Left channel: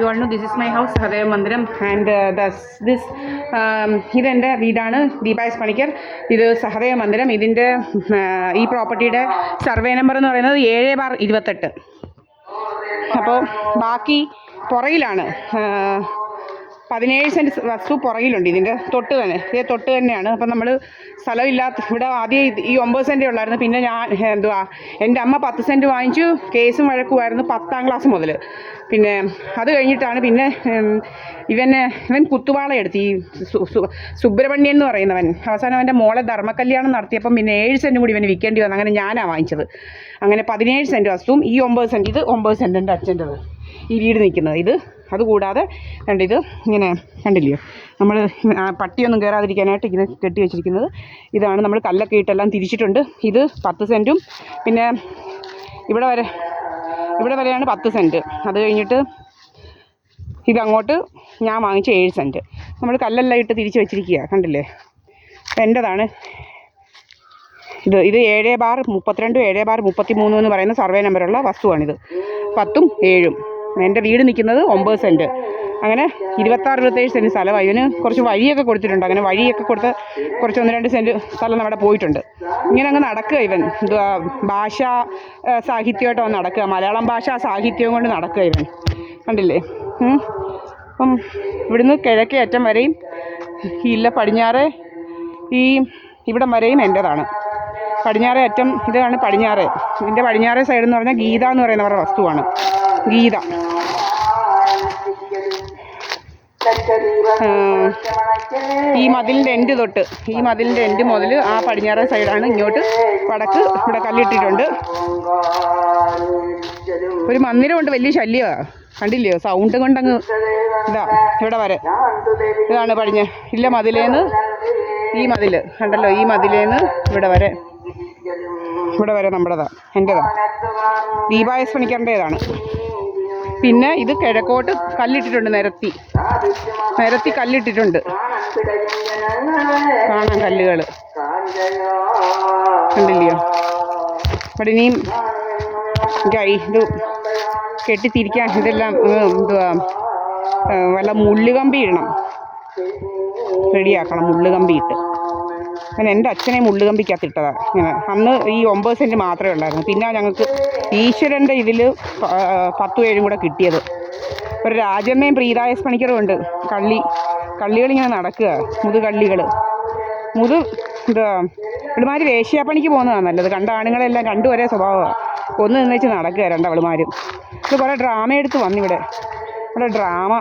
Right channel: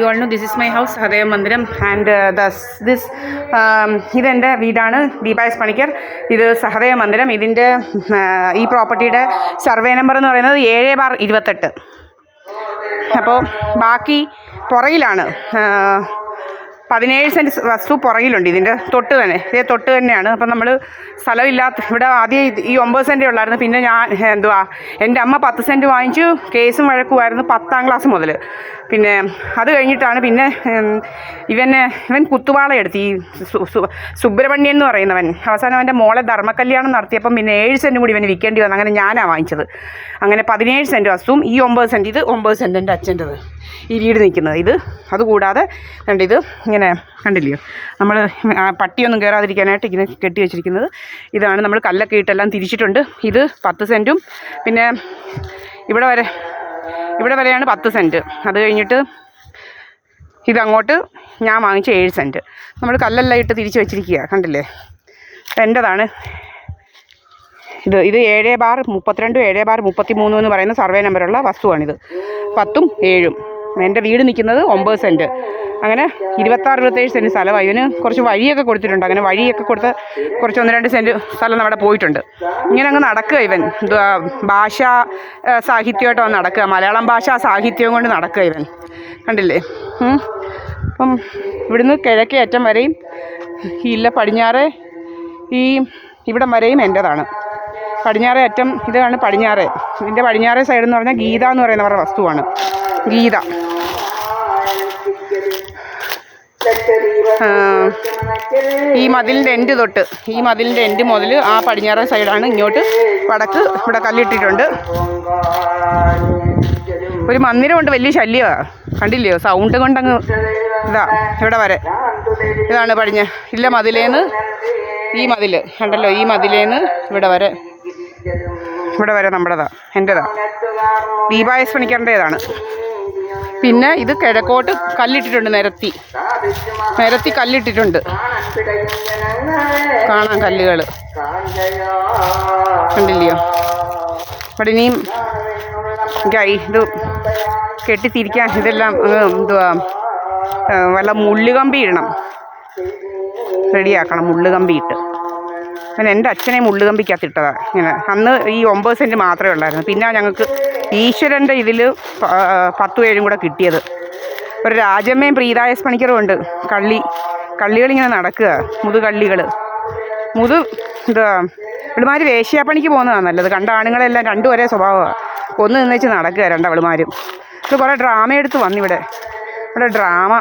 You all no this is my house ഹൃദയ മന്ദിരം and ഇതെൻ്റെ വീടാണ്. ദീപായസ് പണിക്കർ. ഇത് സഹദയ മന്ദിരം. ഇതിൻ്റെ ഈ പ്രോപ്പർട്ടിയുടെ സർവേ നമ്പർ എന്ന് പറയുന്നത് 7/28. അപ്പോൾ ബാക്കി പുറകിലാണ് 17 സെൻറ്റ് വസ്തു പുറകിലുണ്ട്. ഇതിൻ്റെ തൊട്ട് തന്നെ, ഇതേ തൊട്ട് തന്നെയാണ്. അപ്പം നമ്മൾ സ്ഥലമില്ലാത്ത ഇവിടെ ആദ്യം ഈ 9 സെൻറ്റേ ഉള്ളായിരുന്നു. പിന്നെ എൻ്റെ അമ്മ 10 സെൻറ്റ് വാങ്ങിച്ചു. കേസും വഴക്കുമായിരുന്നു 10ാം ക്ലാസ് മുതൽ. പിന്നെ അത് കഴിഞ്ഞിട്ടാണ് പിന്നെ ഇവൻ കുത്തുവാള എടുത്ത് ഈ സുബ്രഹ്മണ്യൻ എന്ന് പറയുന്നവൻ അവസാനം അവൻ്റെ മോളെ ധർമ്മകല്യാണം നടത്തിയപ്പം പിന്നെ 7 സെൻറ്റും കൂടി ഇവന് വിൽക്കേണ്ടി വന്നു. അങ്ങനെ ഞാനാണ് വാങ്ങിച്ചത്. അങ്ങനെ 17 സെൻറ്റ് വസ്തുവും ഈ 9 സെൻറ്റ്, ഇത് 9 സെൻറ്റ് എൻ്റെ അച്ഛൻ്റെത് ഈ വീട് നിൽക്കുന്നത്. ഇത് അതുകൂടാതെ ഇത് ഇങ്ങനെ കണ്ടില്ലയോ, നമ്മൾ പട്ടിയൊന്നും കയറാതിരിക്കാനായിട്ട് ഇങ്ങനെ കെട്ടി വെച്ചിരിക്കുന്നത്. ഇതാണ് നമ്മൾ കല്ലൊക്കെ ഇട്ടെല്ലാം തിരിച്ചിട്ടുണ്ട്. ഇത് 10 സെൻറ്റും പിന്നെ ഇവിടെ വരെയാണ് 10 സെൻറ്റ്. അത് കഴിഞ്ഞിട്ട് ഇതങ്ങോട്ട് ഞാൻ വാങ്ങിച്ച 7 സെൻറ്റ്. നമ്മൾ കല്ലെല്ലാം ഇട്ട് തിരിച്ച് വെച്ചിരിക്കുക, കണ്ടില്ലേ. എൻ്റെതാണ് ഇത്. 7/32 7/33 എന്ന് പറയുന്ന സർവേ നമ്പറുള്ള വസ്തുവാണിത്. 10ഉം 7ഉം. എൻ്റെ വീട് നിൽക്കുന്നത് 9 സെൻറ്റ്. അങ്ങനെ 26-27 സെൻറ്റ് സ്ഥലമായി. ഇവന് കുറച്ച് വഴിയൊക്കെ കൊടുത്തിട്ടുണ്ട്. അങ്ങനെ വഴിയൊക്കെ കൊടുത്ത് കുറച്ച് 1-2 സെൻറ്റ് സ്ഥലം അവിടെ പോയിട്ടുണ്ട്. ഇങ്ങനെ അങ്ങ് നടക്കുക ഇവൻ. ഭാഷാ സാഹിത്യമായിട്ട് അവൻ നടക്കുക. മലയാളം ഭാഷാ സാഹിത്യവും കൊണ്ട് നടക്കുക ഇവൻ, കണ്ടില്ലേ. അപ്പം ഇവിടുന്ന് കിഴക്കേ അറ്റം വരെയും പടിഞ്ഞാറ് ഇവിടം വരെയും എൻ്റെതാണ്. പടിഞ്ഞാറേ അറ്റം ഇതാണ് പടിഞ്ഞാറ്. ഇതിൻ്റെ പടിഞ്ഞാറേ സൈഡ് എന്ന് പറഞ്ഞാൽ ഗീത എന്ന് പറയുന്നവരുടെ വസ്തുവാണ്. ഗീത. ഈ മതിലിൻ്റെ എൻഡ് തൊട്ട് മതിലിൻ്റെ എൻഡ് മുതൽ ആ പടിഞ്ഞാറേ സൈഡാണ്. ഇങ്ങോട്ട് വടക്ക് ഇവിടെ കല്ലിട്ടിട്ടുണ്ട്. ഒരു മന്ദിരമുണ്ട്, വലിയ ശല്യമാണ്, കണ്ടില്ലയോ. സൗണ്ട് കൊണ്ടങ്ങ് ഇവിടെ വരെ. ഇതാണ് മതിലേന്ന് ഈ മതിൽ കണ്ടല്ലോ. ഈ മതിലേന്ന് ഇവിടെ വരെ നമ്മുടേതാ, എൻ്റെതാ. ദീപായസ് പണിക്കറിൻ്റേതാണ്. പിന്നെ ഇത് കിഴക്കോട്ട് കല്ലിട്ടിട്ടുണ്ട്. നിരത്തി കല്ലിട്ടിട്ടുണ്ട്. കാണാം കല്ലുകൾ, കണ്ടില്ലയോ. ഇവിടെ ഇനിയും ഇത് കെട്ടിത്തിരിക്കാൻ ഇതെല്ലാം വല്ല മുള്ളുകമ്പി ഇടണം, റെഡിയാക്കണം. മുള്ളുകമ്പി ഇട്ട് പിന്നെ എൻ്റെ അച്ഛനെ മുള്ളുകമ്പിക്കകത്തിട്ടതാണ്. ഇങ്ങനെ അന്ന് ഈ 9 സെൻറ്റ് മാത്രമേ ഉള്ളായിരുന്നു. പിന്നെ ഞങ്ങൾക്ക് ഈശ്വരൻ്റെ ഇതിൽ 10-7 കൂടെ കിട്ടിയത്. ഒരു രാജമ്മയും പ്രീതായസ് പണിക്കറും ഉണ്ട്. കള്ളികളിങ്ങനെ നടക്കുക, മുതുകള്ളികൾ. ഇവളുമാർ വേശ്യാപ്പണിക്ക് പോകുന്നതാണ് നല്ലത്. കണ്ട ആണുങ്ങളെല്ലാം രണ്ടും ഒരേ സ്വഭാവമാണ്. ഒന്ന് നിന്നേച്ച് നടക്കുക രണ്ടവളുമാരും. ഇത് കുറേ ഡ്രാമ എടുത്ത് വന്നിവിടെ. ഡ്രാമ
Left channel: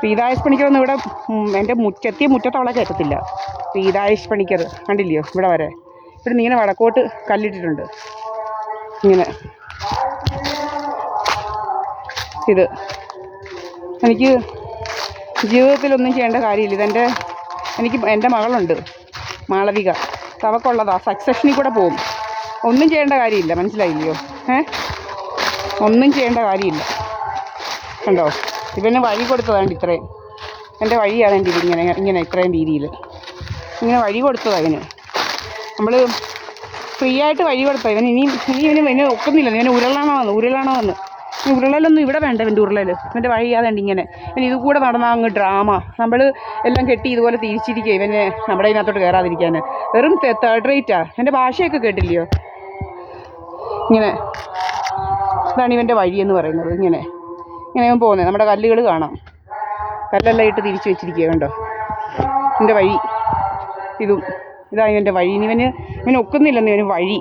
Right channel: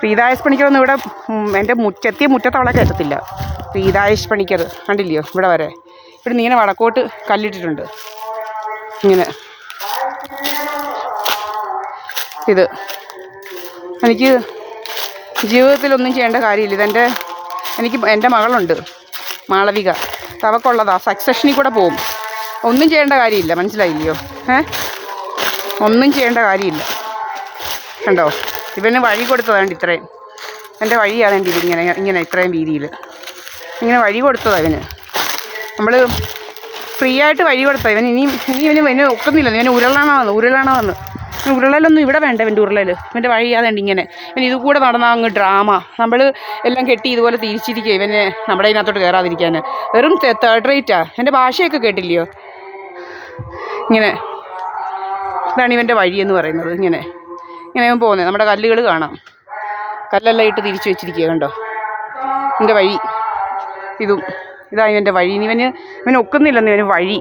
പ്രീതായസ് പണിക്കറൊന്നും ഇവിടെ എൻ്റെ മുറ്റത്ത് അവളെ കയറ്റത്തില്ല. പ്രീതായസ് പണിക്കർ കണ്ടില്ലയോ. ഇവിടെ വരെ ഇവിടുന്ന് ഇങ്ങനെ വടക്കോട്ട് കല്ലിട്ടിട്ടുണ്ട്. ഇങ്ങനെ ഇത് എനിക്ക് ജീവിതത്തിലൊന്നും ചെയ്യേണ്ട കാര്യമില്ല. എൻ്റെ മകളുണ്ട് മാളവിക. അവക്കുള്ളതാ. സക്സഷനിൽ കൂടെ പോവും. ഒന്നും ചെയ്യേണ്ട കാര്യമില്ല, മനസ്സിലായില്ലയോ. ഒന്നും ചെയ്യേണ്ട കാര്യമില്ല. കണ്ടോ, ഇവന് വഴി കൊടുത്തതാണ്ട് ഇത്രയും. എൻ്റെ വഴിയാതേണ്ടി ഇങ്ങനെ ഇത്രയും വീതിയിൽ ഇങ്ങനെ വഴി കൊടുത്തതാണ് ഇവന്. നമ്മൾ ഫ്രീ ആയിട്ട് വഴി കൊടുത്തതാണ് ഇവന് ഒക്കുന്നില്ല. ഇവന് ഉരുളണമെന്ന്. ഉരുളലൊന്നും ഇവിടെ വേണ്ട. ഇവൻ്റെ ഇവൻ്റെ വഴിയാതേണ്ടി ഇങ്ങനെ. ഇത് കൂടെ നടന്നാൽ അങ്ങ് ഡ്രാമ. നമ്മൾ എല്ലാം കെട്ടി ഇതുപോലെ തിരിച്ചിരിക്കുക ഇവനെ നമ്മുടെ ഇതിനകത്തോട്ട് കയറാതിരിക്കാൻ. വെറും 3rd റേറ്റാ. എൻ്റെ ഭാഷയൊക്കെ കേട്ടില്ലയോ. ഇങ്ങനെ ഇതാണ് ഇവൻ്റെ വഴിയെന്ന് പറയുന്നത്. ഇങ്ങനെ അവൻ പോകുന്നത്. നമ്മുടെ കല്ലുകൾ കാണാം. കല്ലെല്ലാം ഇട്ട് തിരിച്ചു വെച്ചിരിക്കുക, കണ്ടോ എൻ്റെ വഴി. ഇതാണ് ഇവൻ്റെ വഴി. ഇവന് ഒക്കുന്നില്ലെന്ന് ഇവന് വഴി.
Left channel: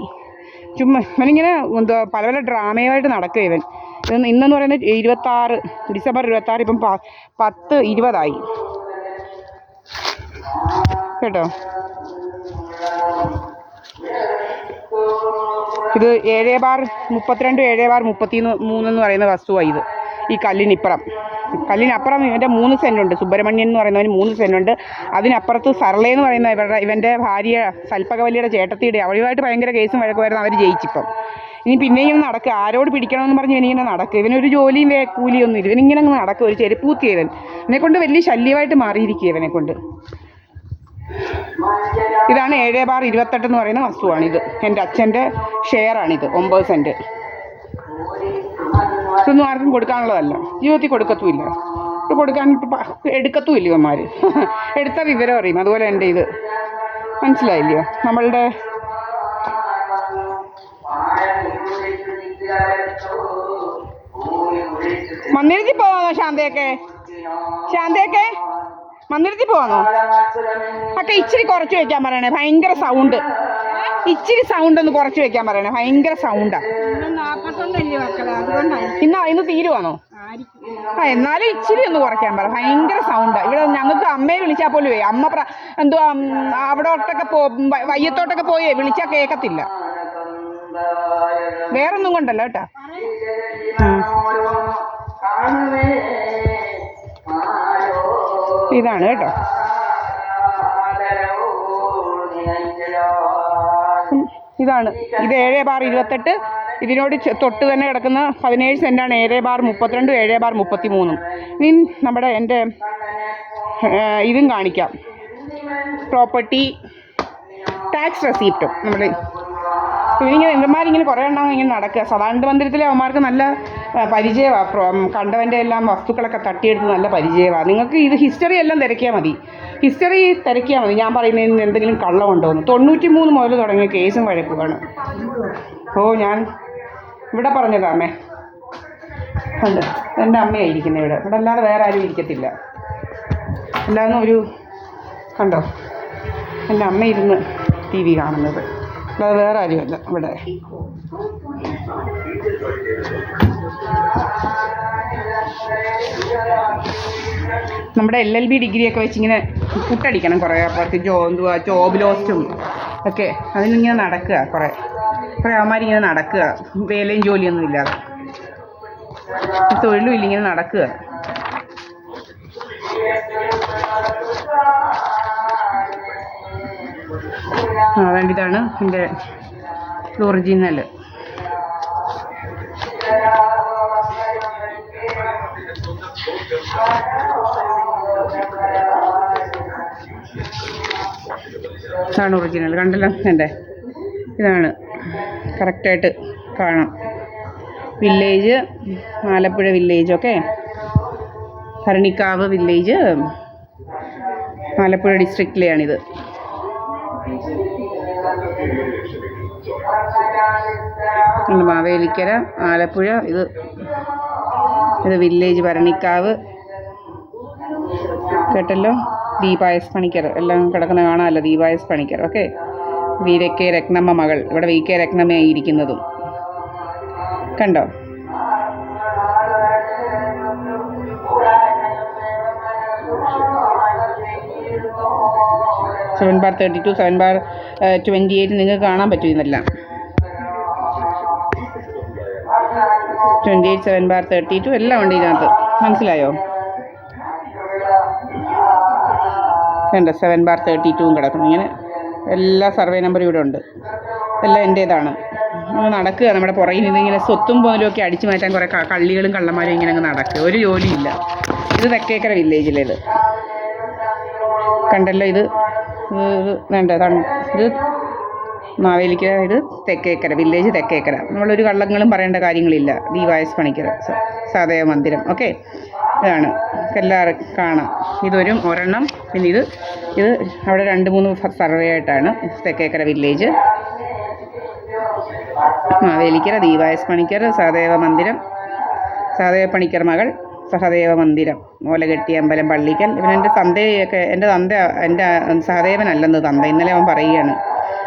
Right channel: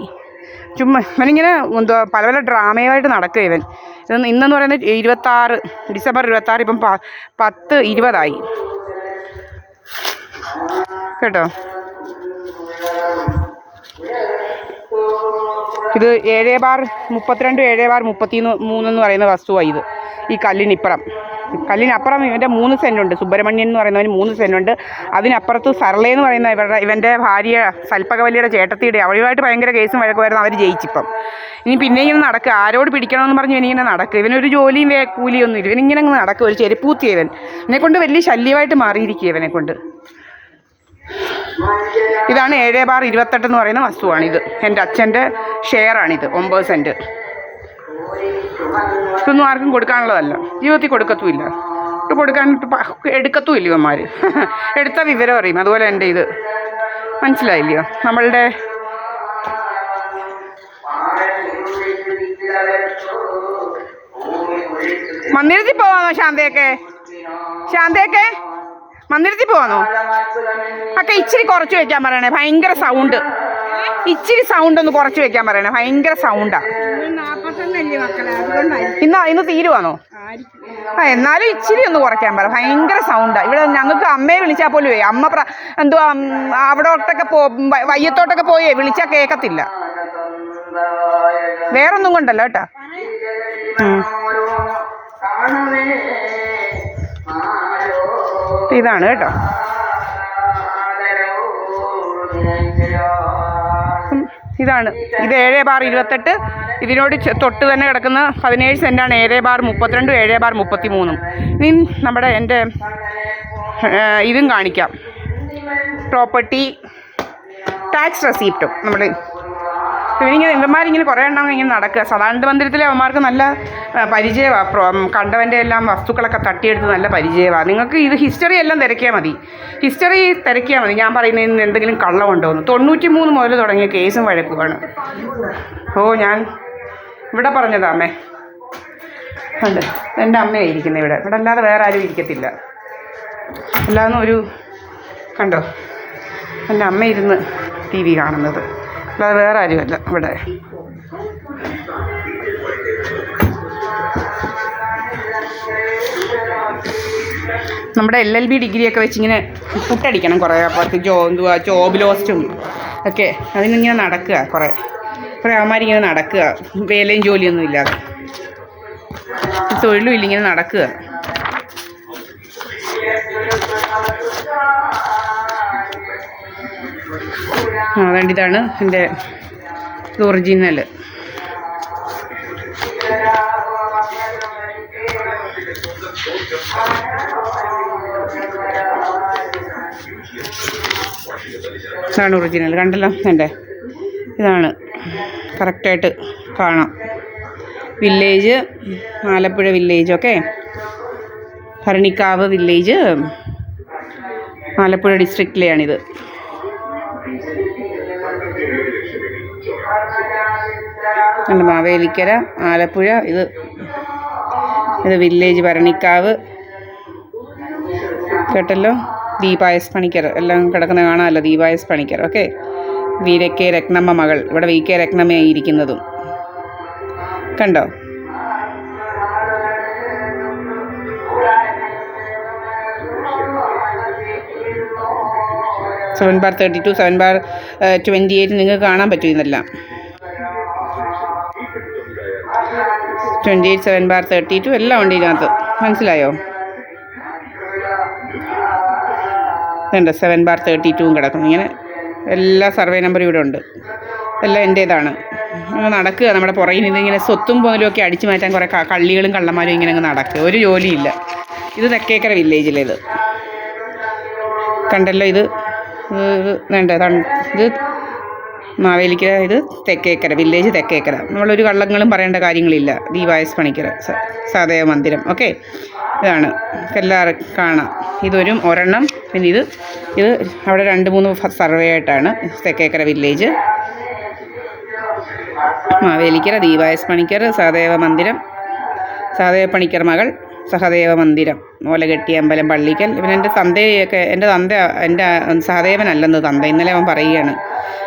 ചുമ്മാ ഇവനിങ്ങനെ പല ഡ്രാമയായിട്ട് നടക്കുക ഇന്നെന്ന് പറയുന്നത് 26 ഡിസംബർ 26. ഇപ്പം 10:20 കേട്ടോ. ഇത് 7/32 7/33 എന്ന് പറയുന്ന വസ്തുവാണ് ഇത്. ഈ കല്ലിനപ്പുറം ഇവൻ്റെ 3 സെൻറ്റുണ്ട്. സുബ്രഹ്മണ്യൻ എന്ന് പറയുന്നവന് 3 സെൻറ്റുണ്ട്. അതിനപ്പുറത്ത് സർളയെന്ന് പറയുന്ന ഇവൻ്റെ ഭാര്യ സൽപ്പകവല്ലിയുടെ ചേട്ടത്തിയുടെ അവരുമായിട്ട് ഭയങ്കര കേസും വഴക്കുമായിരുന്നു. അവർ ജയിച്ചിപ്പം. പിന്നെയും ഇങ്ങനെ നടക്കുക. ആരോട് പിടിക്കണമെന്ന് പറഞ്ഞ് ഇവനിങ്ങനെ നടക്കുക. ഇവനൊരു ജോലിയും കൂലിയൊന്നും ഇല്ല. ഇവനിങ്ങനെ അങ്ങ് നടക്കുക. ഒരു ചെരുപ്പൂത്തിയ ഇവനെക്കൊണ്ട് വലിയ ശല്യമായിട്ട് മാറിയിരിക്കുക ഇവനെക്കൊണ്ട്. ഇതാണ് 7/28 എന്ന് പറയുന്ന വസ്തുവാണിത്. എൻ്റെ അച്ഛൻ്റെ ഷെയറാണിത്. 9 സെൻറ്റ്. ഇതൊന്നും ആർക്കും കൊടുക്കാനുള്ളതല്ല, ജീവിതത്തിൽ കൊടുക്കത്തുമില്ല. ഇത് കൊടുക്കാൻ എടുക്കത്തുമില്ല ഇവന്മാർ. എടുത്ത വിവരം അറിയും. അതുപോലെ എൻ്റെ ഇത് മനസ്സിലായില്ലയോ? നമ്മളുടെ മന്ദിരത്തിൽ പോവാന്നോ ശാന്തയൊക്കെ മന്ദിരത്തിൽ പോവാന്നോ? ഒക്കെ ഇച്ചിരി കുറച്ച് വെക്കാൻ പറയണേ, ഭയങ്കര സൗണ്ട്. ഇച്ചിരി സൗണ്ട് ഒന്ന് കുറച്ച് വെക്കാൻ പറയണേ, ഭയങ്കര സൗണ്ടാ. ഇന്ന് തീരുവാന്നോ? എന്നാലും ഇച്ചിരി ഒന്ന് കുറയ്ക്കാൻ പറ, ഭയങ്കര സൗണ്ടാ. ഇവിടെ ഞങ്ങൾക്ക് അമ്മയെ വിളിച്ചാൽ പോലും അമ്മ എന്തുവാ അവിടോട്ടൊക്കെ വയ്യത്തോട്ടൊക്കെ പോയേ വിളിച്ചാൽ കേൾക്കത്തില്ല. വേറൊന്നും കൊണ്ടല്ല കേട്ടാ. ഇതാണ് കേട്ടോ. ഇതാണ് ഇത് 7/28. ഇതിനോട് തൊട്ട് തന്നെ കിടക്കുന്ന 17 സെൻറ്റാണ് 7/32, 7/33. ഇനി നമ്മുടെ എൻ്റെ ഇതും കാണിക്കാം, പ്രോപ്പർട്ടി ടാക്സ് റെസീപ്റ്റും. നമ്മൾ ഇവന്മാരിങ്ങനെ കുറേ എണ്ണം ഇങ്ങനെ നടക്കുക. സദാനന്ദ മന്ദിരത്തിലെ അവന്മാർക്ക് നല്ല പരിചയമാണ്. കണ്ടവൻ്റെ എല്ലാം വസ്തുക്കളൊക്കെ തട്ടിയെടുത്ത് നല്ല പരിചയമാണ്. നിങ്ങൾക്ക് ഇത് ഹിസ്റ്ററി എല്ലാം തിരക്കിയാൽ മതി. ഞാൻ പറയുന്നതിന് എന്തെങ്കിലും കള്ളമുണ്ടോ എന്ന്. 93 മുതൽ തുടങ്ങിയ കേസും വഴക്കുമാണ്. ഞാൻ ഇവിടെ പറഞ്ഞതാ അമ്മേ. ഉണ്ട്, എൻ്റെ അമ്മയായിരിക്കുന്നത് ഇവിടെ അല്ലാതെ വേറെ ആരും ഇരിക്കത്തില്ല. അല്ലാതെ ഒരു കണ്ടോ, എൻ്റെ അമ്മ ഇരുന്ന് TV കാണുന്നത്, അല്ലാതെ വേറെ ആരുമല്ല ഇവിടെ. നമ്മുടെ LLB ഡിഗ്രിയൊക്കെ വെച്ചിങ്ങനെ പുട്ടടിക്കണം കുറേ പേർക്ക്. ജോബ് ഒക്കെ അതിനിങ്ങനെ നടക്കുക. കുറേ അവന്മാരിങ്ങനെ നടക്കുക, വേലയും ജോലിയൊന്നും ഇല്ലാതെ, തൊഴിലും ഇല്ല, ഇങ്ങനെ നടക്കുക. അതുകൊണ്ട് ഇതാണ് എൻ്റെ ഒറിജിനൽ. ഇതാണ് ഒറിജിനൽ. കണ്ടല്ലോ എൻ്റെ ഇതാണ് കറക്റ്റായിട്ട് കാണാം. Village Alappuzha village, okay. Bharanikkavu village Alappuzha ഡിസ്ട്രിക്റ്റിലെയാണിത്. മാവേലിക്കര, ആലപ്പുഴ. ഇത് വില്ലേജ് ഭരണിക്കാവ്, കേട്ടല്ലോ. ദീപായസ് പണിക്കർ എല്ലാം കിടക്കുന്ന കാണാമല്ലോ, ദീപായസ് പണിക്കർ, ഓക്കെ. VK രത്നമ്മ മകൾ, ഇവിടെ VK രത്നമ്മയായി ഇരിക്കുന്നതും കണ്ടോ. (7/32, 7/28) നിങ്ങൾക്ക് കാണാൻ പറ്റും ഇതെല്ലാം. 28, 7/32 എല്ലാം ഉണ്ട് ഇതിനകത്ത്, മനസ്സിലായോ? ഇതുണ്ട് 7/32 കിടക്കുന്നു. ഇങ്ങനെ എല്ലാ സർവേ നമ്പറും ഇവിടെ ഉണ്ട്. എല്ലാം എൻ്റേതാണ്. നടക്കുക നമ്മുടെ പുറകിൽ നിന്ന് ഇങ്ങനെ സ്വത്തും പോലും ഒക്കെ അടിച്ചു മാറ്റാൻ കുറേ കള്ളികളും കള്ളന്മാരും ഇങ്ങനെ അങ്ങ് നടക്കുക. ഒരു ജോലിയില്ല. ഇത് തെക്കേക്കര വില്ലേജിലേത് കണ്ടല്ലോ. ഇത് മാവേലിക്കര, ഇത് തെക്കേക്കര വില്ലേജ്, തെക്കേക്കര. നമ്മളൊരു കള്ളങ്ങളും പറയേണ്ട കാര്യങ്ങളില്ല. ദീപായസ് പണിക്കര സഹദേവ മന്ദിരം, ഓക്കെ. ഇതാണ് എല്ലാവർക്കും കാണാം. ഇതൊരു ഒരെണ്ണം. പിന്നെ ഇത് അവിടെ 2-3 സർവേ ആയിട്ടാണ്. തെക്കേക്കര വില്ലേജ്, മാവേലിക്കര, ദീപായസ് പണിക്കർ, സഹദേവ മന്ദിരം, സഹദേവ പണിക്കർ മകൾ, സഹദേവ മന്ദിരം, ഓലകെട്ടി അമ്പലം, പള്ളിക്കൽ. പിന്നെ എൻ്റെ തന്തയൊക്കെ, എൻ്റെ സഹദേവനല്ലെന്ന് തന്ത ഇന്നലെ അവൻ പറയുകയാണ്.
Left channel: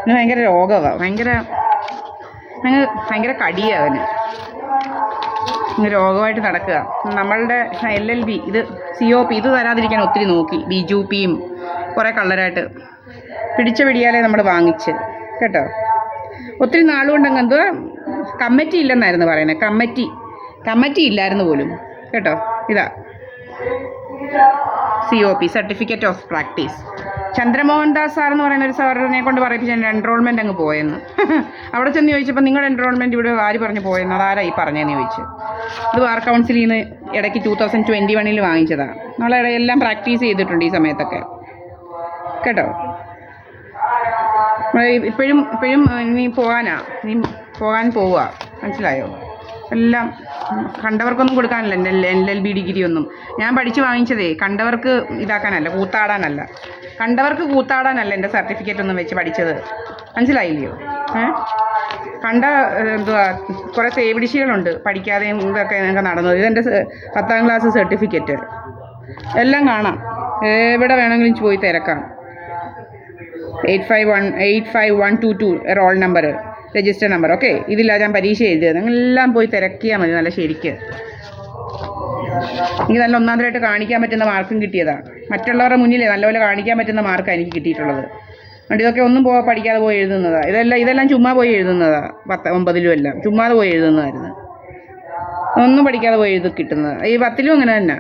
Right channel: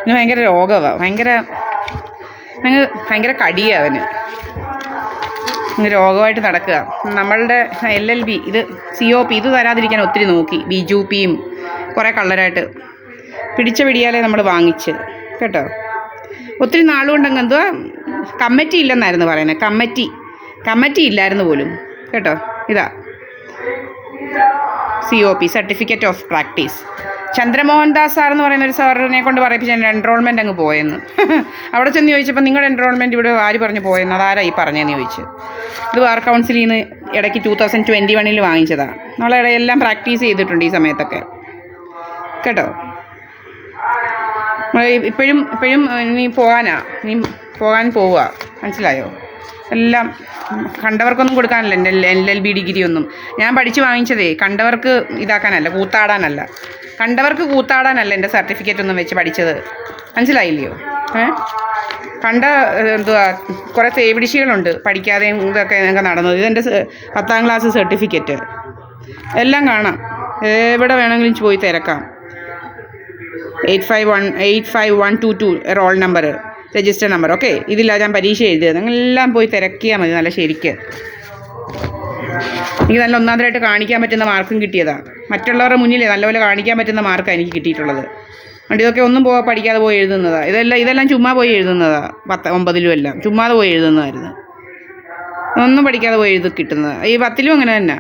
ഇന്ന് ഭയങ്കര രോഗമാണ്, ഭയങ്കര കടിയാണ് അവന്. രോഗമായിട്ട് നടക്കുക. നമ്മളുടെ LLB, ഇത് COP, ഇത് വരാതിരിക്കാൻ ഒത്തിരി നോക്കി. BJPയും കുറേ കള്ളരായിട്ട് പിടിയാലേ നമ്മൾ വാങ്ങിച്ച്, കേട്ടോ. ഒത്തിരി നാളുകൊണ്ടങ്ങ് എന്തുവാ കമ്മിറ്റി ഇല്ലെന്നായിരുന്നു പറയുന്നത്. കമ്മിറ്റി ഇല്ലായിരുന്നു പോലും, കേട്ടോ. ഇതാ COP, certificate of practice. Chandramohan Das sir എന്ന് പറയുന്ന ഒരു സാറിനെ കൊണ്ട് പറയിപ്പിച്ച് എൻ്റെ എൻറോൾമെൻറ്റ് അങ്ങ് പോയെന്ന്. അവിടെ ചെന്ന് ചോദിച്ചപ്പോൾ നിങ്ങളുടെ എൻറോൾമെൻറ്റ് ഇവിടെ ആര് പറഞ്ഞു പോയെന്ന്, അതാരാ ഈ പറഞ്ഞതെന്ന് ചോദിച്ചു. ഇത് ബാർ കൗൺസിലിൽ നിന്ന് ഇടയ്ക്ക് 2021 വാങ്ങിച്ചതാണ്. നമ്മളെല്ലാം പ്രാക്ടീസ് ചെയ്തിട്ടുണ്ട് ഈ സമയത്തൊക്കെ, കേട്ടോ. ഇപ്പോഴും നീ പോകാൻ പോവുക, മനസ്സിലായോ? എല്ലാം കണ്ടവർക്കൊന്നും കൊടുക്കാനല്ല എൻ്റെ LLB ഡിഗ്രി ഒന്നും. ഞാൻ പഠിച്ച് വാങ്ങിച്ചതേ കണ്ടവർക്ക് ഇതാക്കാനല്ല, കൂത്താടാനല്ല. കണ്ടവർക്ക് കൂത്താടാനല്ല എൻ്റെ സർട്ടിഫിക്കറ്റ് ഒന്നും വെച്ച് പഠിച്ചത്. മനസ്സിലായില്ലയോ? കണ്ട എന്തുവാ കുറേ തേവിടിശികളുണ്ട് പഠിക്കാതെയും ഇതൊക്കെ ഞങ്ങൾക്ക് നടന്നത്. ഇതെൻ്റെ 10ാം ക്ലാസ് സർട്ടിഫിക്കറ്റ്. എല്ലാം കാണാം, എവിടെ വേണമെങ്കിലും പോയി തിരക്കാം. 855122 roll number, register number. Okay, ഇതില്ല ഞാൻ പരീക്ഷ എഴുതിയത്. നിങ്ങളെല്ലാം പോയി തിരക്കിയാൽ മതി നല്ല ശരിക്ക്. എനിക്ക് നല്ല ഒന്നാമതായിട്ട് കാണിക്കാൻ പറ്റുന്ന മാർക്കും കിട്ടിയതാണ്. മറ്റുള്ളവരുടെ മുന്നിൽ നല്ലപോലെ കാണിക്കാൻ പറ്റുന്ന മാർക്കാണ് എനിക്ക് കിട്ടിയിട്ടുള്ളത്. അതുകൊണ്ട് ഇതൊക്കെ ഒന്നും പഠിക്കാതെ പോയി എഴുതുന്നതാണ്. ഇതെല്ലാം ചുമ്മാ പോയി എഴുതുന്നതാണ്. 9ലും എല്ലാം ചുമ്മാതെ പോയി എഴുതുന്നതായിരുന്നു. ഒന്നും പഠിക്കാതെ പോയി എഴുതി കിട്ടുന്നത്. ഈ 10ലും അങ്ങനെ തന്നെ.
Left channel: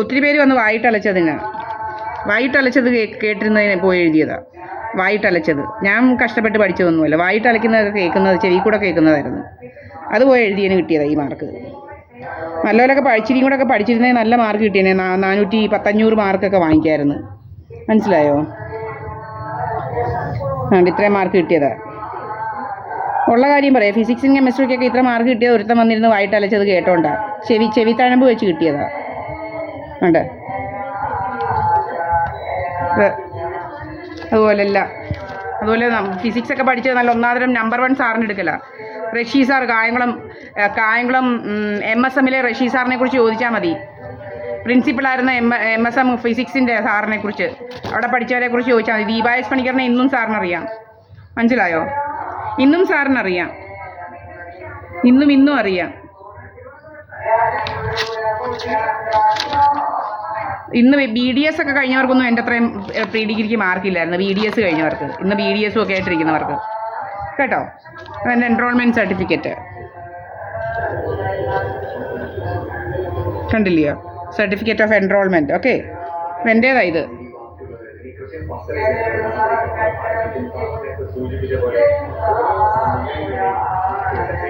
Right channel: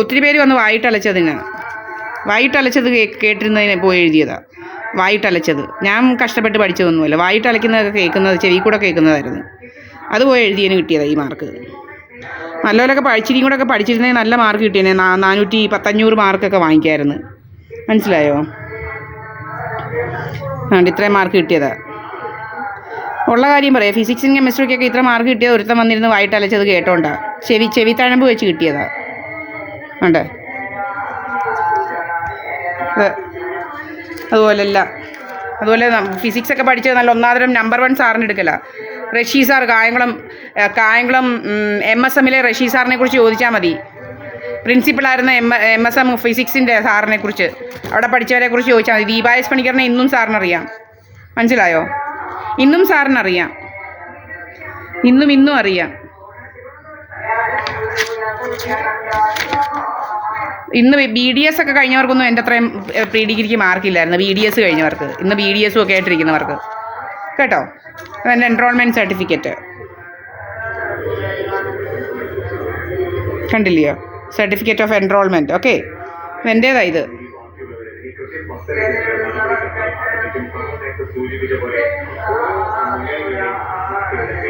ഒത്തിരി പേര് വന്ന് വായിട്ടലച്ചത് കേട്ടിരുന്നതിനെ പോയി എഴുതിയതാണ്. വായിട്ടലച്ചത് ഞാൻ കഷ്ടപ്പെട്ട് പഠിച്ചതൊന്നുമല്ല. വായിട്ടലയ്ക്കുന്നതൊക്കെ കേൾക്കുന്നത്, ചെവി കൂടെ കേൾക്കുന്നതായിരുന്നു. അത് പോയി എഴുതിയതിന് കിട്ടിയതാണ് ഈ മാർക്ക്. നല്ലപോലൊക്കെ പഠിച്ചിരിക്കും കൂടെ ഒക്കെ പഠിച്ചിരുന്നെങ്കിൽ നല്ല മാർക്ക് കിട്ടിയേനെ. 400-500 മാർക്കൊക്കെ വാങ്ങിക്കാമായിരുന്നു. മനസ്സിലായോ? അതുകൊണ്ട് ഇത്രയും മാർക്ക് കിട്ടിയതാണ്. ഉള്ള കാര്യം പറയാം. ഫിസിക്സും കെമിസ്ട്രിക്കൊക്കെ ഇത്ര മാർക്ക് കിട്ടിയത് ഒരുത്തം വന്നിരുന്ന് വായിട്ടലച്ചത് കേട്ടോണ്ടാണ്. ചെവി തഴമ്പ് വെച്ച് കിട്ടിയതാണ്. ഉണ്ട് അതുപോലെ ഫിസിക്സൊക്കെ പഠിച്ചത് നല്ല ഒന്നാമതരം നമ്പർ 1 സാറിന് എടുക്കല. റഷീ സാർ കായംകുളം MSMലെ റഷീ സാറിനെ കുറിച്ച് ചോദിച്ചാൽ മതി. പ്രിൻസിപ്പളായിരുന്ന MSM ഫിസിക്സിൻ്റെ സാറിനെ കുറിച്ച്, അവിടെ പഠിച്ചവരെ കുറിച്ച് ചോദിച്ചാൽ മതി. ദീപായസ് പണിക്കറിനെ ഇന്നും സാറിനറിയാം. മനസ്സിലായോ? ഇന്നും സാറിനറിയാം. ഇന്നും അറിയാം. ഇന്ന് BDS ഒക്കെ കഴിഞ്ഞവർക്കൊന്നും എൻ്റെ അത്രയും പ്രീ ഡിഗ്രിക്ക് മാർക്കില്ലായിരുന്നു. BDS കഴിഞ്ഞവർക്ക്, ഇന്ന് BDS ഒക്കെ ആയിട്ടിരിക്കുന്നവർക്ക് കേട്ടോ. എൻ്റെ എൻറോൾമെൻറ്റ് സർട്ടിഫിക്കറ്റ് കണ്ടില്ലയോ? Certificate of enrollment. ഓക്കെ, എൻ്റേതാണ് ഇത്.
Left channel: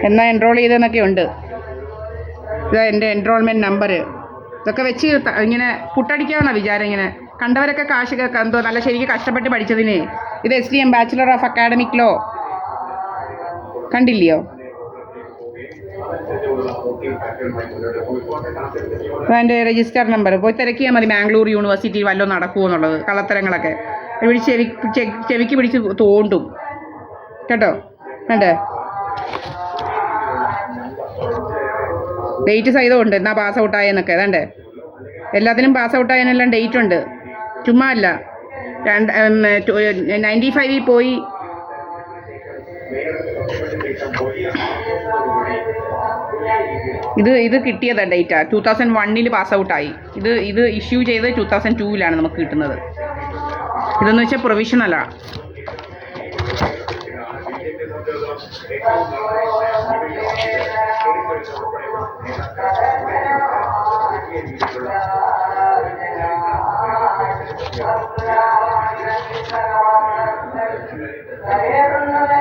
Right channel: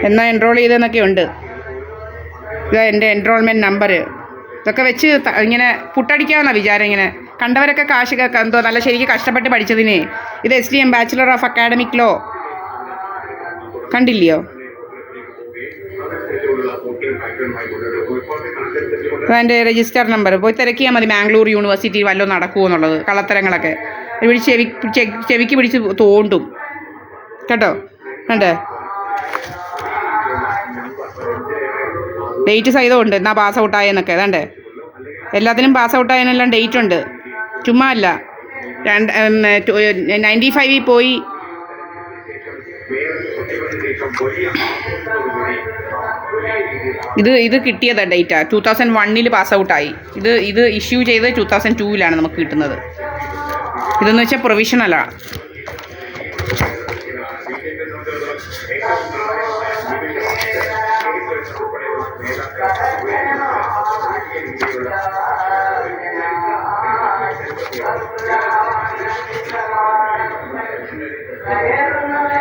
എന്നാ എൻറോൾ ചെയ്തെന്നൊക്കെ ഉണ്ട്. ഇത് എൻ്റെ എൻറോൾമെൻറ്റ് നമ്പർ. ഇതൊക്കെ വെച്ച് ഇങ്ങനെ പുട്ടടിക്കാവുന്ന വിചാരം. ഇങ്ങനെ കണ്ടവരൊക്കെ കാശ് എന്തോ നല്ല ശരിക്കും കഷ്ടപ്പെട്ട് പഠിച്ചതിന്. ഇത് SDM bachelor of academic law. കണ്ടില്ലയോ? അതിൻ്റെ രജിസ്റ്റർ നമ്പർ പോയി തിരക്കിയാൽ മതി. ബാംഗ്ലൂർ യൂണിവേഴ്സിറ്റി വല്ലതും നടക്കുമോ എന്നുള്ളത്. കള്ളത്തരങ്ങളൊക്കെ ഇവിടെ ചെവിക്ക് പിടിച്ച് തോണ്ടും കേട്ടോ. കണ്ടേ? ഡേറ്റ് സഹിതമുണ്ട് എന്നാ പാസ് ഔട്ടായെന്നൊക്കെ. അതണ്ടേ, എല്ലാത്തിനും പാസ് ഔട്ടായതിനെല്ലാം ഡേറ്റ് ഉണ്ട്. ചുമ്മാ അല്ല. 95 പോയി. ഇത് കിട്ടിയതാ ഡേറ്റാ. 2001 പാസ് ഔട്ടായി. ഇത് ഇഷ്യൂ ചെയ്ത് 2002 നമുക്ക് കിട്ടുന്നത്. ഇതെന്ന് വെച്ചാൽ പ്രൊവിഷണലാണ്.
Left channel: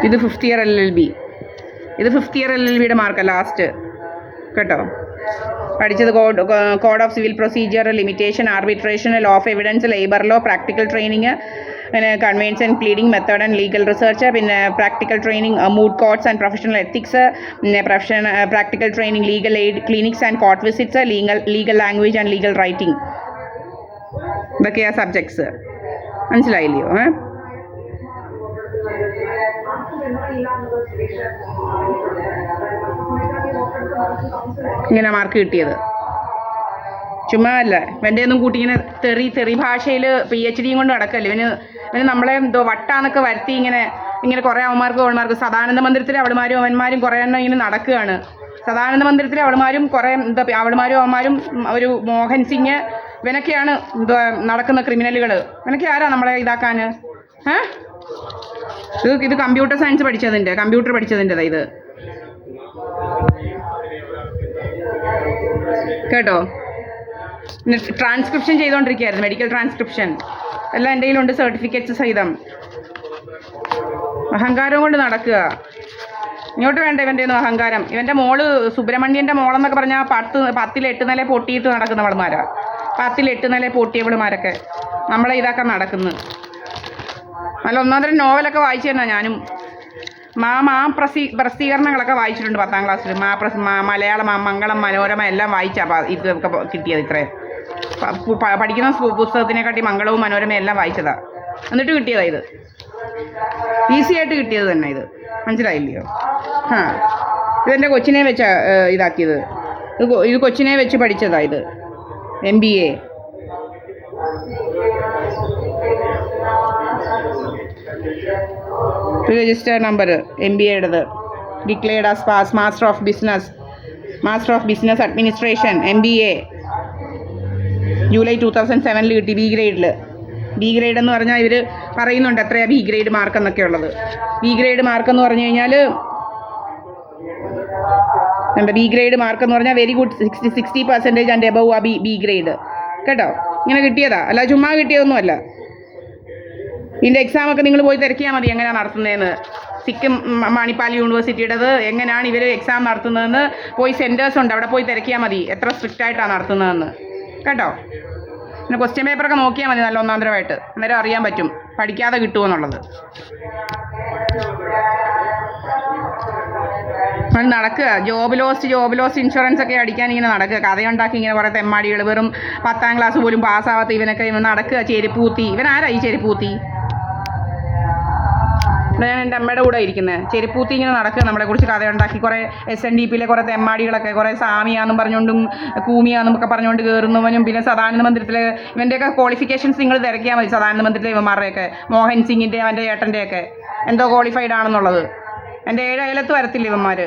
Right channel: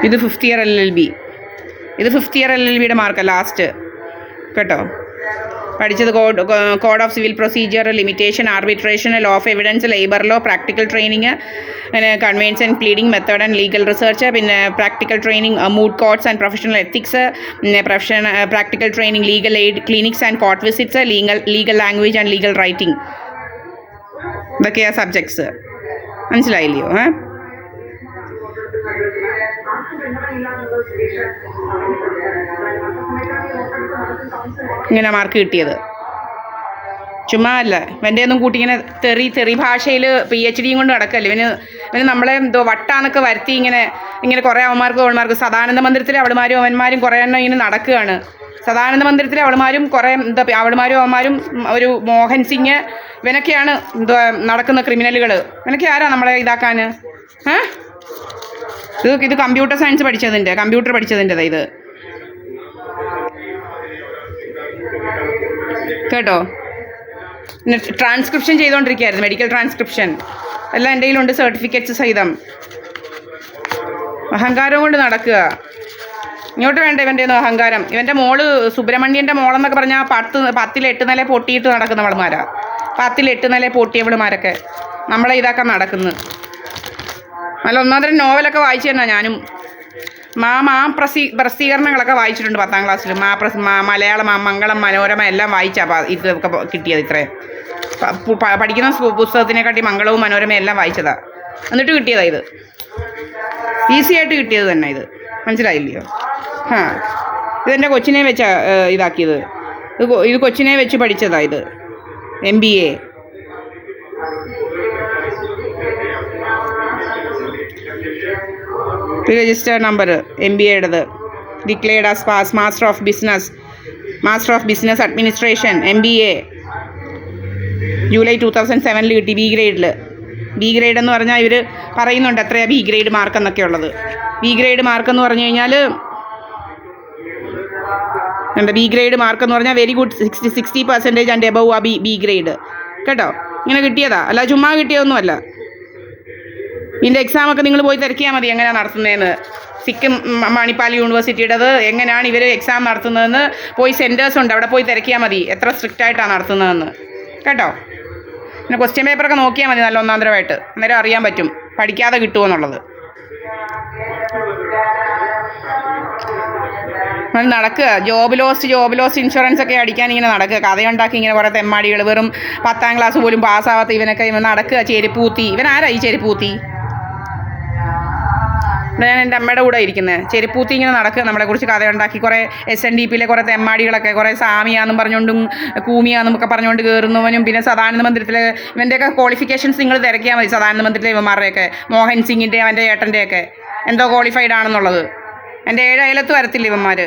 ഇത് 5th ഇയർ LLB. ഇത് 5th ഇയർ LLBയുടെ മാർക്കാണ് ലാസ്റ്റ് കേട്ടോ. പഠിച്ചത് code of civil procedure, limitation, arbitration, law of evidence, labour law, practical training, പിന്നെ conveyance and pleading method and legal research, പിന്നെ practical training moot courts and professional ethics, പിന്നെ practical training legal aid clinics and court visits, legal language and legal writing. ഇതൊക്കെയാണ് subjects. മനസ്സിലായില്ലയോ? ഇങ്ങനെ mark കിട്ടിയത് ചുമ്മാ അല്ല. ഇവൻ്റെ ഒന്നും കൂട്ടി ഇങ്ങനെ തെറി ഭാഷയിൽ PhDയും കൊണ്ട് നടക്കല്ലേ ഇവന് നമ്മളെ എന്തോ വട്ടാന്നൊക്കെ വരുത്തി ഇങ്ങനെ കുറേ അവന്മാർക്ക് സദാനന്ദ മന്ദിരത്തിലെ അവളുമാരും അവന്മാരും കുറേ എണ്ണം ഇങ്ങനെ നടക്കുകയാണ്. സദാനന്ദ മന്ദിരത്തിലെ അവളുമാരും കുറേ അവളുമാരും അവന്മാരും ഒരു മോഹൻ സിംഗ്, ഇവനൊക്കെയാണ് എന്തോ നടക്കുന്ന ക്രിമിനലുകൾ. ഇവനൊക്കെ ആരാ നമ്മളെ ഇതാക്കാൻ? ഇത് കമ്പ്യൂട്ടർ സയൻസ് കമ്പ്യൂട്ടർ പഠിച്ചതിൻ്റെതാ ഇത് കേട്ടോ. ട്രാൻസ്ക്രിപ്ഷൻ ചെയ്തുകൊണ്ടിരിക്കുകയായിരുന്നു, മെഡിക്കൽ ട്രാൻസ്ക്രിപ്ഷൻ എല്ലാം എൻ്റെ കയ്യിലുണ്ട്, സർട്ടിഫിക്കറ്റ്സ് സഹിതം. അഹങ്കാരം കൊണ്ട് നടക്കുക. ഇങ്ങോട്ട് വേണ്ട ഇവൻ്റെ ഒന്നും അഹങ്കാരം. ഇവൻ്റെ മോള് സുബ്രഹ്മണ്യൻ്റെ മോളെന്നൊക്കെ പറഞ്ഞാൽ 10 8 നില പൊട്ടിയിട്ട് നടക്കുന്നവൾമാരാ. 10 8 നില പൊട്ടിയവളുമാരൊക്കെ നമ്മളെ ഇതാക്കാൻ നടക്കുന്നു. നല്ല ഒന്നാന്തരം നോവലൊക്കെ വായിച്ചു തന്നെ ഞാനും. പ്രസിദ്ധീകരണങ്ങളൊക്കെ വായിച്ചിട്ടുണ്ട് 10ാം ക്ലാസ്സിൽ. മലയാളം, മംഗളം, മനോരമ എല്ലാം വായിച്ചാൽ ഇതൊക്കെ കിട്ടിയത്. ഇത്രയും പഠിക്കുന്ന പുസ്തകത്തിനെക്കാട്ടി മംഗളവും മനോരമയും എല്ലാം വായിച്ചതാണ്. എന്നിട്ട് കിട്ടിയതാണ് ഇത്. ഈസി ആയിട്ട് കിട്ടിയത് തന്നെ ഇത്. മനസ്സിലായില്ലയോ? ഇതെൻ്റെ കൊച്ചിനെ വെച്ചാണ് ഇതാക്കിയത്. ഇത് കൊച്ചിനെ വെച്ച് പഠിച്ചതാണ് ഇത്. MBA. രജിസ്റ്റർ നമ്പർ MBAയുടേത്. Declared as pass. Master of business administration MBA July 2007 കിട്ടി. ബി ഗ്രേഡിൽ. ബി ഗ്രേഡ് എന്ന് പറഞ്ഞാൽ ഇവർ പറയുന്നുണ്ട് എത്രയാണ് ബി ഗ്രേഡ് മാർക്ക് എന്നൊക്കെ ഉള്ളത്. ബി ഗ്രേഡ് മാർക്ക് എന്ന് പറഞ്ഞു കഴിഞ്ഞാൽ ബി ഗ്രേഡ് മാർക്ക് എന്ന് പറഞ്ഞാൽ വെരി ഗുഡ് 60% ആൻഡ് എബവ് ആ ബി ഗ്രേഡ് കേട്ടോ. ഇങ്ങനെ കിട്ടിയതാ, അല്ല ചുമ്മാ കിട്ടിയതൊന്നുമല്ല. ഇതിൻ്റെ എക്സാമൊക്കെ നിങ്ങൾ പോയി തിരക്കിയാൽ മതി എങ്ങനെയാണ് നടത്തുന്നതെന്ന്. സിക്കിം മണിപ്പാൽ യൂണിവേഴ്സിറ്റിയുടേത് എങ്ങനെയാണ് ഇവർ എക്സാം നടത്തുന്നതെന്ന് പോയി സെൻറ്റേഴ്സ് ഉണ്ട്, അവിടെ പോയി തിരക്കിയാൽ മതി എത്ര സ്ട്രിക്റ്റ് ആയിട്ടാണ് നടത്തുന്നതെന്ന് കേട്ടോ. പിന്നെ ക്വസ്റ്റ്യൻ പേപ്പറൊക്കെ നോക്കിയാൽ മതി നല്ല ഒന്നാന്തരമായിട്ട്. അന്നേരം അറിയാൻ പറ്റും പഠിക്കാതെ കിട്ടുമോ എന്നുള്ളത്. അത് നടക്കുക. ജോബ് ലോസ്റ്റ് ഇൻഷുറൻസ് ഒക്കെ അടിക്കാൻ ഇങ്ങനെ നടക്കുക. കഥയുണ്ടാക്കി ഇങ്ങനെ കുറേ തെമ്മാടികൾ. വെറും 10ാം ക്ലാസ് പോലും പാസ്സാവാത്ത ഇവനൊക്കെ നടക്കുക. ചെരുപ്പൂത്തി. ഇവനാരായി ചെരുപ്പൂത്തി? ഞാൻ എൻ്റെ അമ്മയുടെ കൂടെ ഇരിക്കുന്നത്. ചെരുപ്പൂത്തി ഇങ്ങനെ നടക്കുക. നമ്മളെക്കുറിച്ച് കഥയുണ്ടാക്കി കുറേ SNDPയിലെ കുറേ തെമ്മാടികളൊക്കെ കുറേ സാമിയാന്നും പറഞ്ഞുകൊണ്ടും കൂമിയാന്നും ഒക്കെ പറഞ്ഞുകൊണ്ട് കയറുന്നവനും. പിന്നെ സദാനന്ദ മന്ദിരത്തിലെ ഇവൻ്റെയൊക്കെ ക്വാളിഫിക്കേഷൻസ് നിങ്ങൾ തിരക്കിയാൽ മതി. സദാനന്ദ മന്ദിരത്തിലെ ഇവന്മാരുടെയൊക്കെ, മോഹൻ സിംഗിൻ്റെ അവൻ്റെ ഏട്ടൻ്റെയൊക്കെ എന്തോ ക്വാളിഫൈഡ് ആണെന്നുള്ളത്. എൻ്റെ 7 അയലത്ത് വരത്തില്ല ഇവന്മാർ.